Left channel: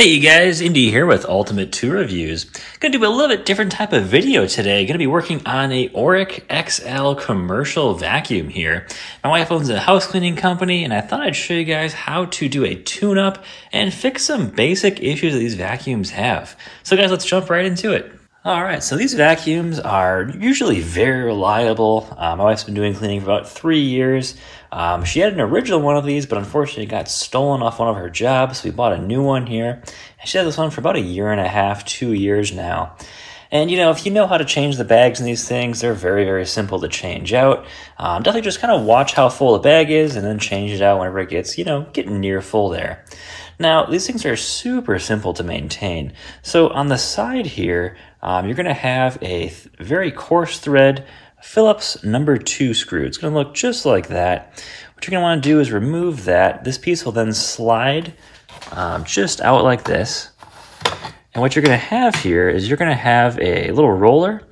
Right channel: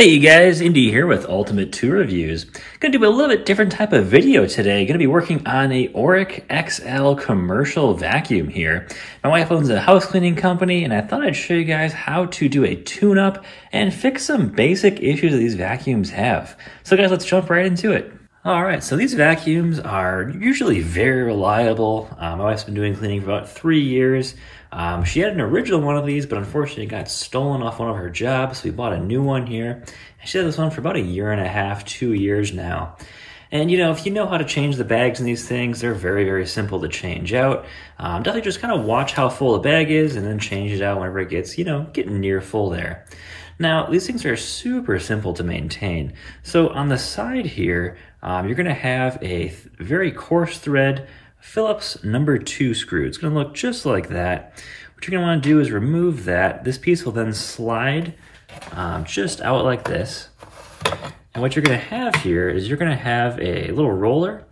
Hey you guys, Indy here with Ultimate 2 Reviews. Gonna do a little bit different type of video today. Gonna be working on a Oreck XL commercial vacuum here. My wife owns a house cleaning company and I thought I'd show you guys how to do a tune-up and fix some basic issues that these vacuums have. So guys, let's jump right into it. Alright, so these vacuums are usually very reliable. My wife's been doing cleaning for about 3 years. She had an original one of these, but unfortunately it got stolen off one of her jobs, so we bought a new one here. And she had this one for about 1.5 years, 2 years now. And, if you know how to change the bags in these things, they're very, very simple to change out. Definitely just kind of watch how full the bag is and then change it out whenever it gets, getting near full there. Now, these things are super simple to maintain. So on the side here, you're going to have a very coarse thread Phillips number 2 screw. It's going to look just like that. What you're going to want to do is remove that. This piece will then slide just out like this. And what you're going to have here is you're going to have a little roller,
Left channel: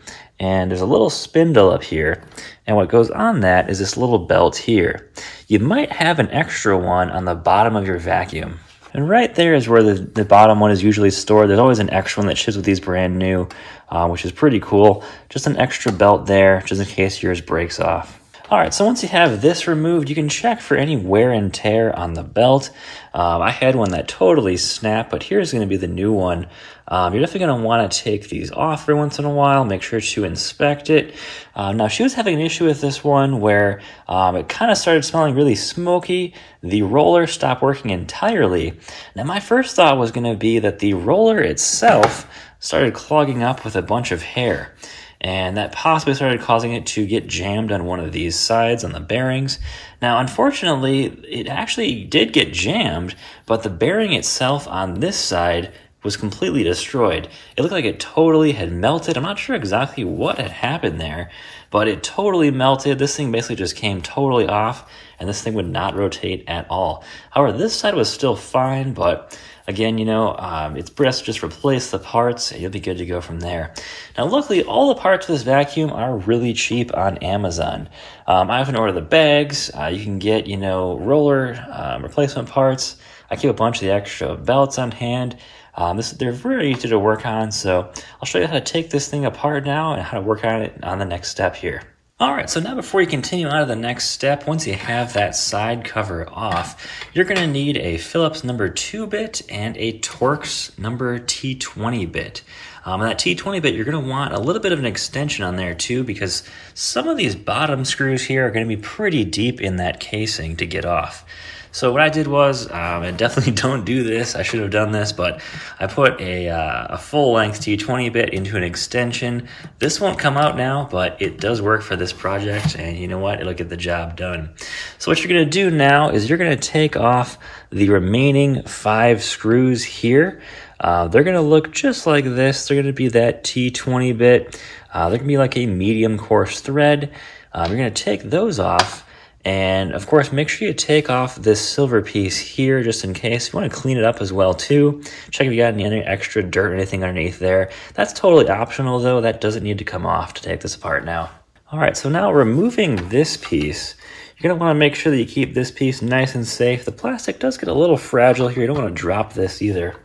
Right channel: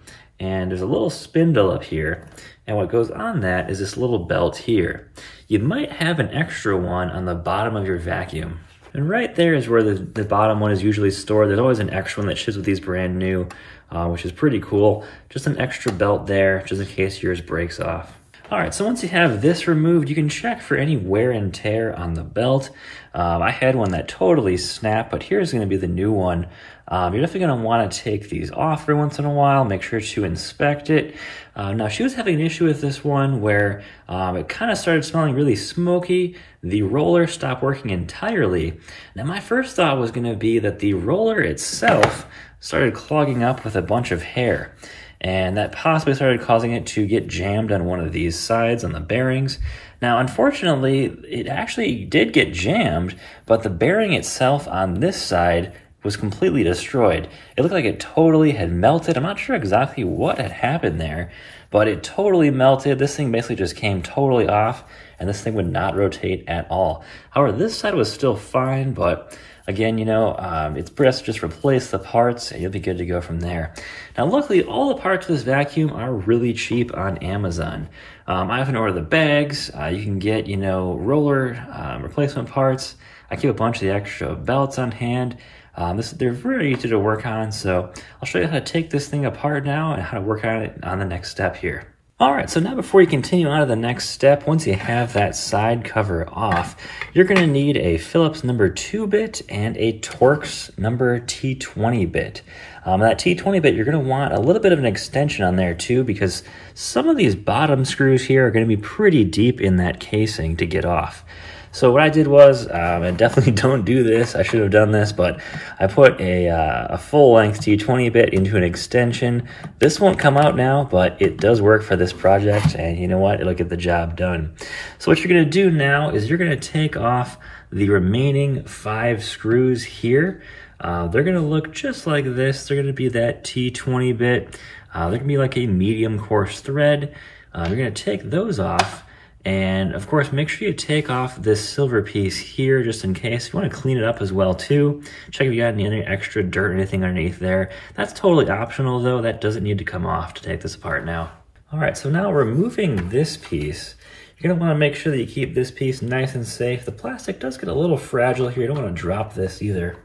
and there's a little spindle up here. And what goes on that is this little belt here. You might have an extra one on the bottom of your vacuum. And right there is where the bottom one is usually stored. There's always an extra one that ships with these brand new, which is pretty cool. Just an extra belt there, just in case yours breaks off. All right, so once you have this removed, you can check for any wear and tear on the belt. I had one that totally snapped, but here's going to be the new one. You're definitely going to want to take these off every once in a while. Make sure to inspect it. Now, she was having an issue with this one where it kind of started smelling really smoky. The roller stopped working entirely. Now, my first thought was going to be that the roller itself started clogging up with a bunch of hair. And that possibly started causing it to get jammed on one of these sides on the bearings. Now, unfortunately, it actually did get jammed, but the bearing itself on this side was completely destroyed. It looked like it totally had melted. I'm not sure exactly what had happened there, but it totally melted. This thing basically just came totally off, and this thing would not rotate at all. However, this side was still fine, but again, it's best to just replace the parts and you'll be good to go from there. Now, luckily, all the parts of this vacuum are really cheap on Amazon. I often order the bags. You can get, roller replacement parts. I keep a bunch of the extra belts on hand. They're very easy to work on, so I'll show you how to take this thing apart now and how to work on it on the next step here. All right, so now before you continue on to the next step, once you have that side cover off, you're going to need a Phillips number 2 bit and a Torx number T20 bit. That T20 bit, you're going to want a little bit of an extension on there too, because some of these bottom screws here are going to be pretty deep in that casing to get off. So what I did was, and definitely don't do this, I should have done this, but I put a full-length T20 bit into an extension. This won't come out now, but it does work for this project, and you know what? It'll get the job done. So what you're going to do now is you're going to take off the remaining 5 screws here. They're going to look just like this. They're going to be that T20 bit. They're going to be like a medium coarse thread. You're going to take those off. And of course, make sure you take off this silver piece here just in case. You want to clean it up as well too. Check if you got any extra dirt or anything underneath there. That's totally optional though. That doesn't need to come off to take this apart now. All right, so now removing this piece, you're going to want to make sure that you keep this piece nice and safe. The plastic does get a little fragile here. You don't want to drop this either.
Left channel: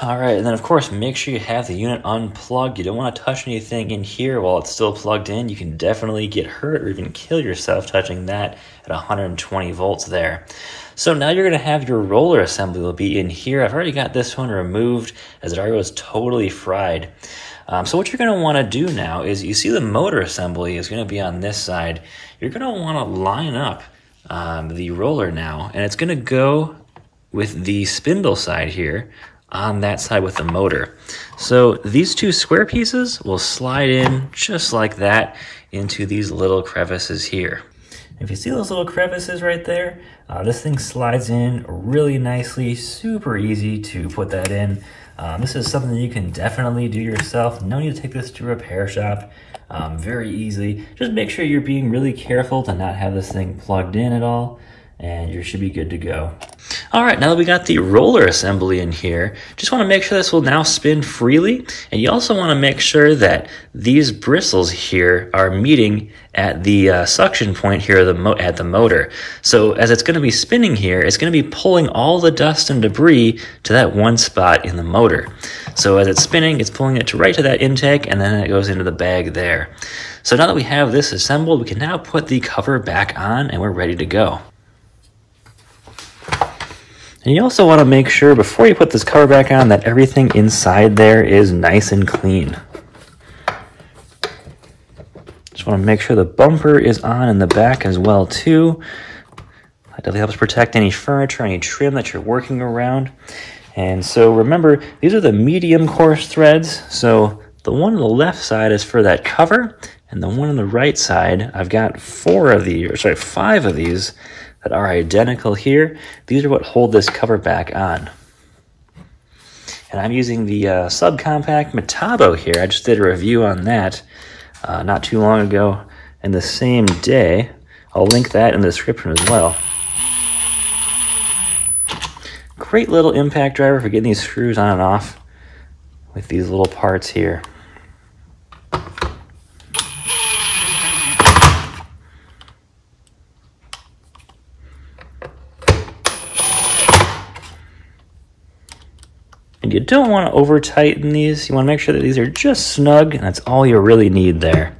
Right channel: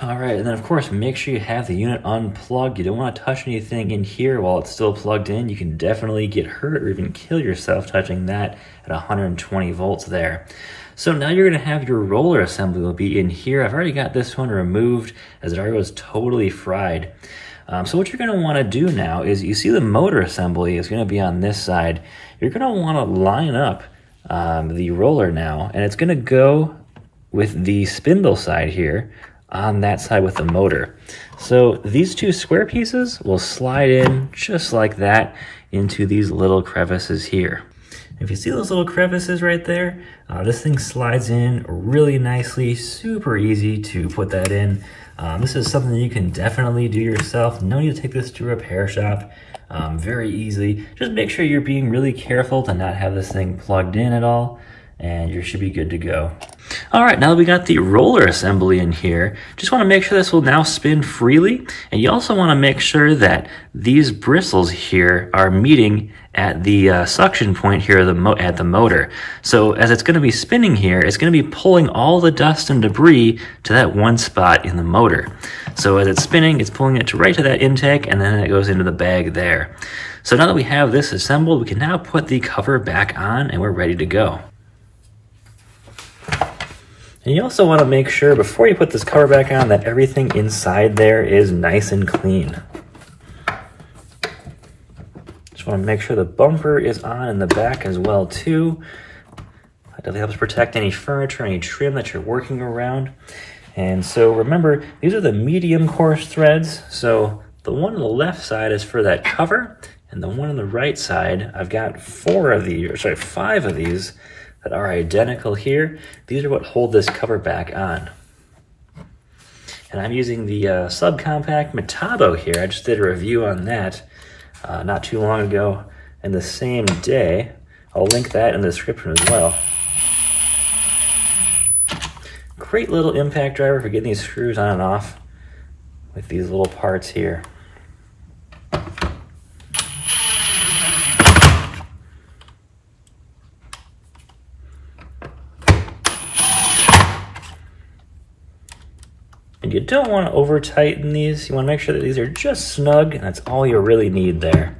All right, and then of course, make sure you have the unit unplugged. You don't want to touch anything in here while it's still plugged in. You can definitely get hurt or even kill yourself touching that at 120 volts there. So now you're going to have your roller assembly will be in here. I've already got this one removed as it already was totally fried. So what you're going to want to do now is you see the motor assembly is going to be on this side. You're going to want to line up the roller now, and it's going to go with the spindle side here on that side with the motor. So these 2 square pieces will slide in just like that into these little crevices here. If you see those little crevices right there, this thing slides in really nicely, super easy to put that in. This is something that you can definitely do yourself. No need to take this to a repair shop. Very easily. Just make sure you're being really careful to not have this thing plugged in at all, and you should be good to go. All right, now that we got the roller assembly in here, just want to make sure this will now spin freely. And you also want to make sure that these bristles here are meeting at the suction point here at the motor. So as it's going to be spinning here, it's going to be pulling all the dust and debris to that one spot in the motor. So as it's spinning, it's pulling it right to that intake, and then it goes into the bag there. So now that we have this assembled, we can now put the cover back on and we're ready to go. And you also want to make sure before you put this cover back on that everything inside there is nice and clean. Just want to make sure the bumper is on in the back as well too. That definitely helps protect any furniture, any trim that you're working around. And so remember, these are the medium coarse threads. So the one on the left side is for that cover, and the one on the right side, I've got 5 of these that are identical here. These are what hold this cover back on. And I'm using the subcompact Metabo here. I just did a review on that not too long ago in the same day. I'll link that in the description as well. Great little impact driver for getting these screws on and off with these little parts here. And you don't want to over tighten these. You want to make sure that these are just snug, and that's all you really need there.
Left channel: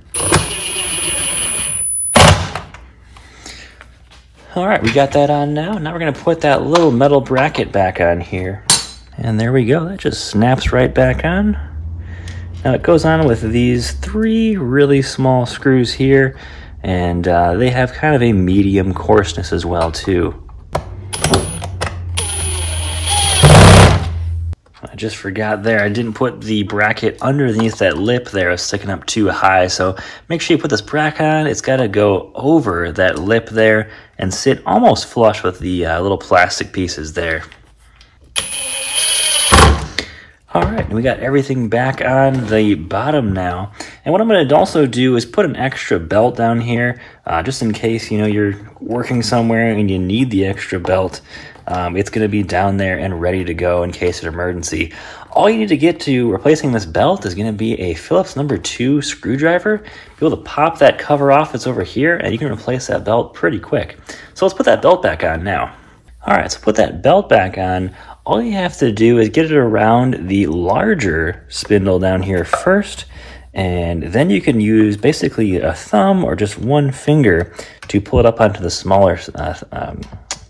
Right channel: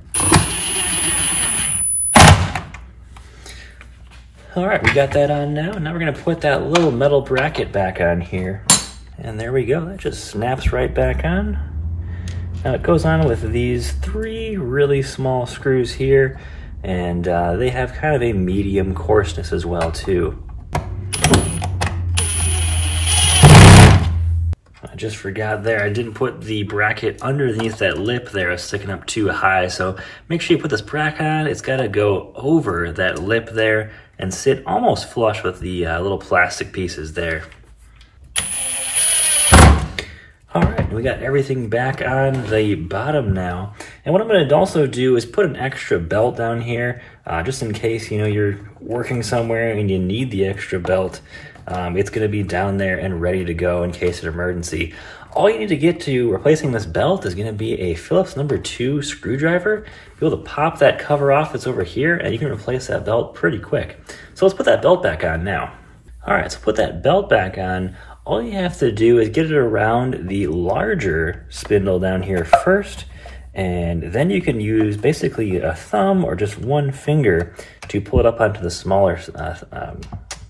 All right, we got that on now. Now we're gonna put that little metal bracket back on here. And there we go, that just snaps right back on. Now it goes on with these 3 really small screws here, and they have kind of a medium coarseness as well too. I just forgot there, I didn't put the bracket underneath that lip there. I was sticking up too high, so make sure you put this bracket on. It's got to go over that lip there and sit almost flush with the little plastic pieces there. All right, we got everything back on the bottom now. And what I'm going to also do is put an extra belt down here, just in case, you know, you're working somewhere and you need the extra belt. It's going to be down there and ready to go in case of emergency. All you need to get to replacing this belt is going to be a Phillips number 2 screwdriver. Be able to pop that cover off that's over here, and you can replace that belt pretty quick. So let's put that belt back on now. All right, so put that belt back on. All you have to do is get it around the larger spindle down here first, and then you can use basically a thumb or just one finger to pull it up onto the smaller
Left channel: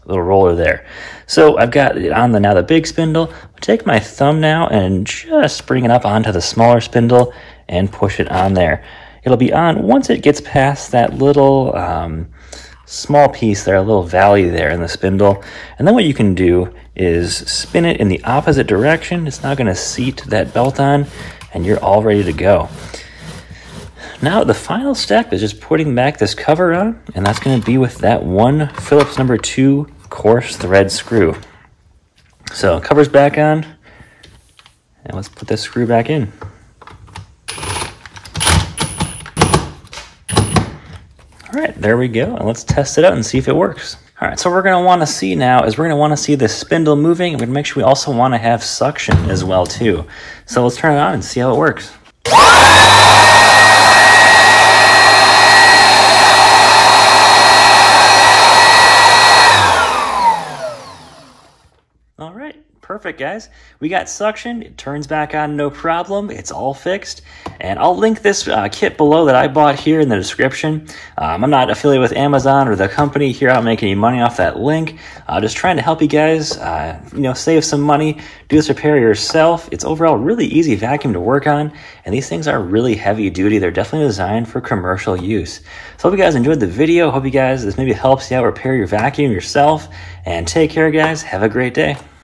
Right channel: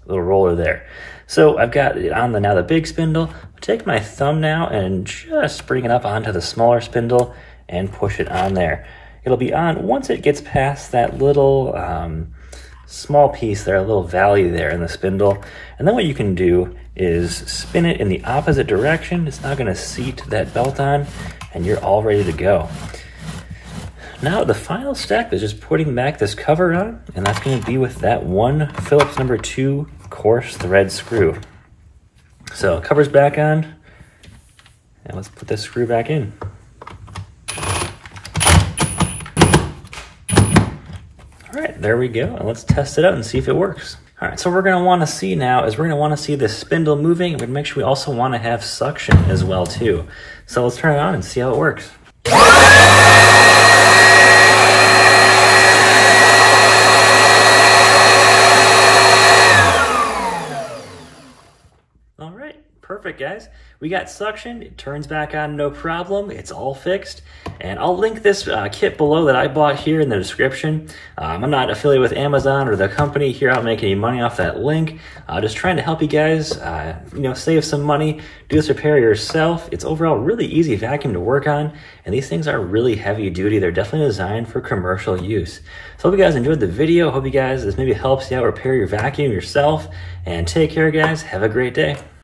little roller there. So I've got it on now the big spindle. I'll take my thumb now and just bring it up onto the smaller spindle and push it on there. It'll be on once it gets past that little small piece there, a little valley there in the spindle. And then what you can do is spin it in the opposite direction. It's now going to seat that belt on, and you're all ready to go. Now the final step is just putting back this cover on, and that's going to be with that one Phillips number 2 coarse thread screw. So cover's back on, and let's put this screw back in. All right, there we go, and let's test it out and see if it works. All right, so what we're going to want to see now is we're going to want to see the spindle moving, and we're going to make sure we also want to have suction as well too. So let's turn it on and see how it works. Perfect, guys. We got suction. It turns back on no problem. It's all fixed. And I'll link this kit below that I bought here in the description. I'm not affiliated with Amazon or the company here. I don't make any money off that link. Just trying to help you guys, save some money, do this repair yourself. It's overall really easy vacuum to work on. And these things are really heavy duty. They're definitely designed for commercial use. So hope you guys enjoyed the video. Hope you guys, this maybe helps you out repair your vacuum yourself. And take care, guys. Have a great day.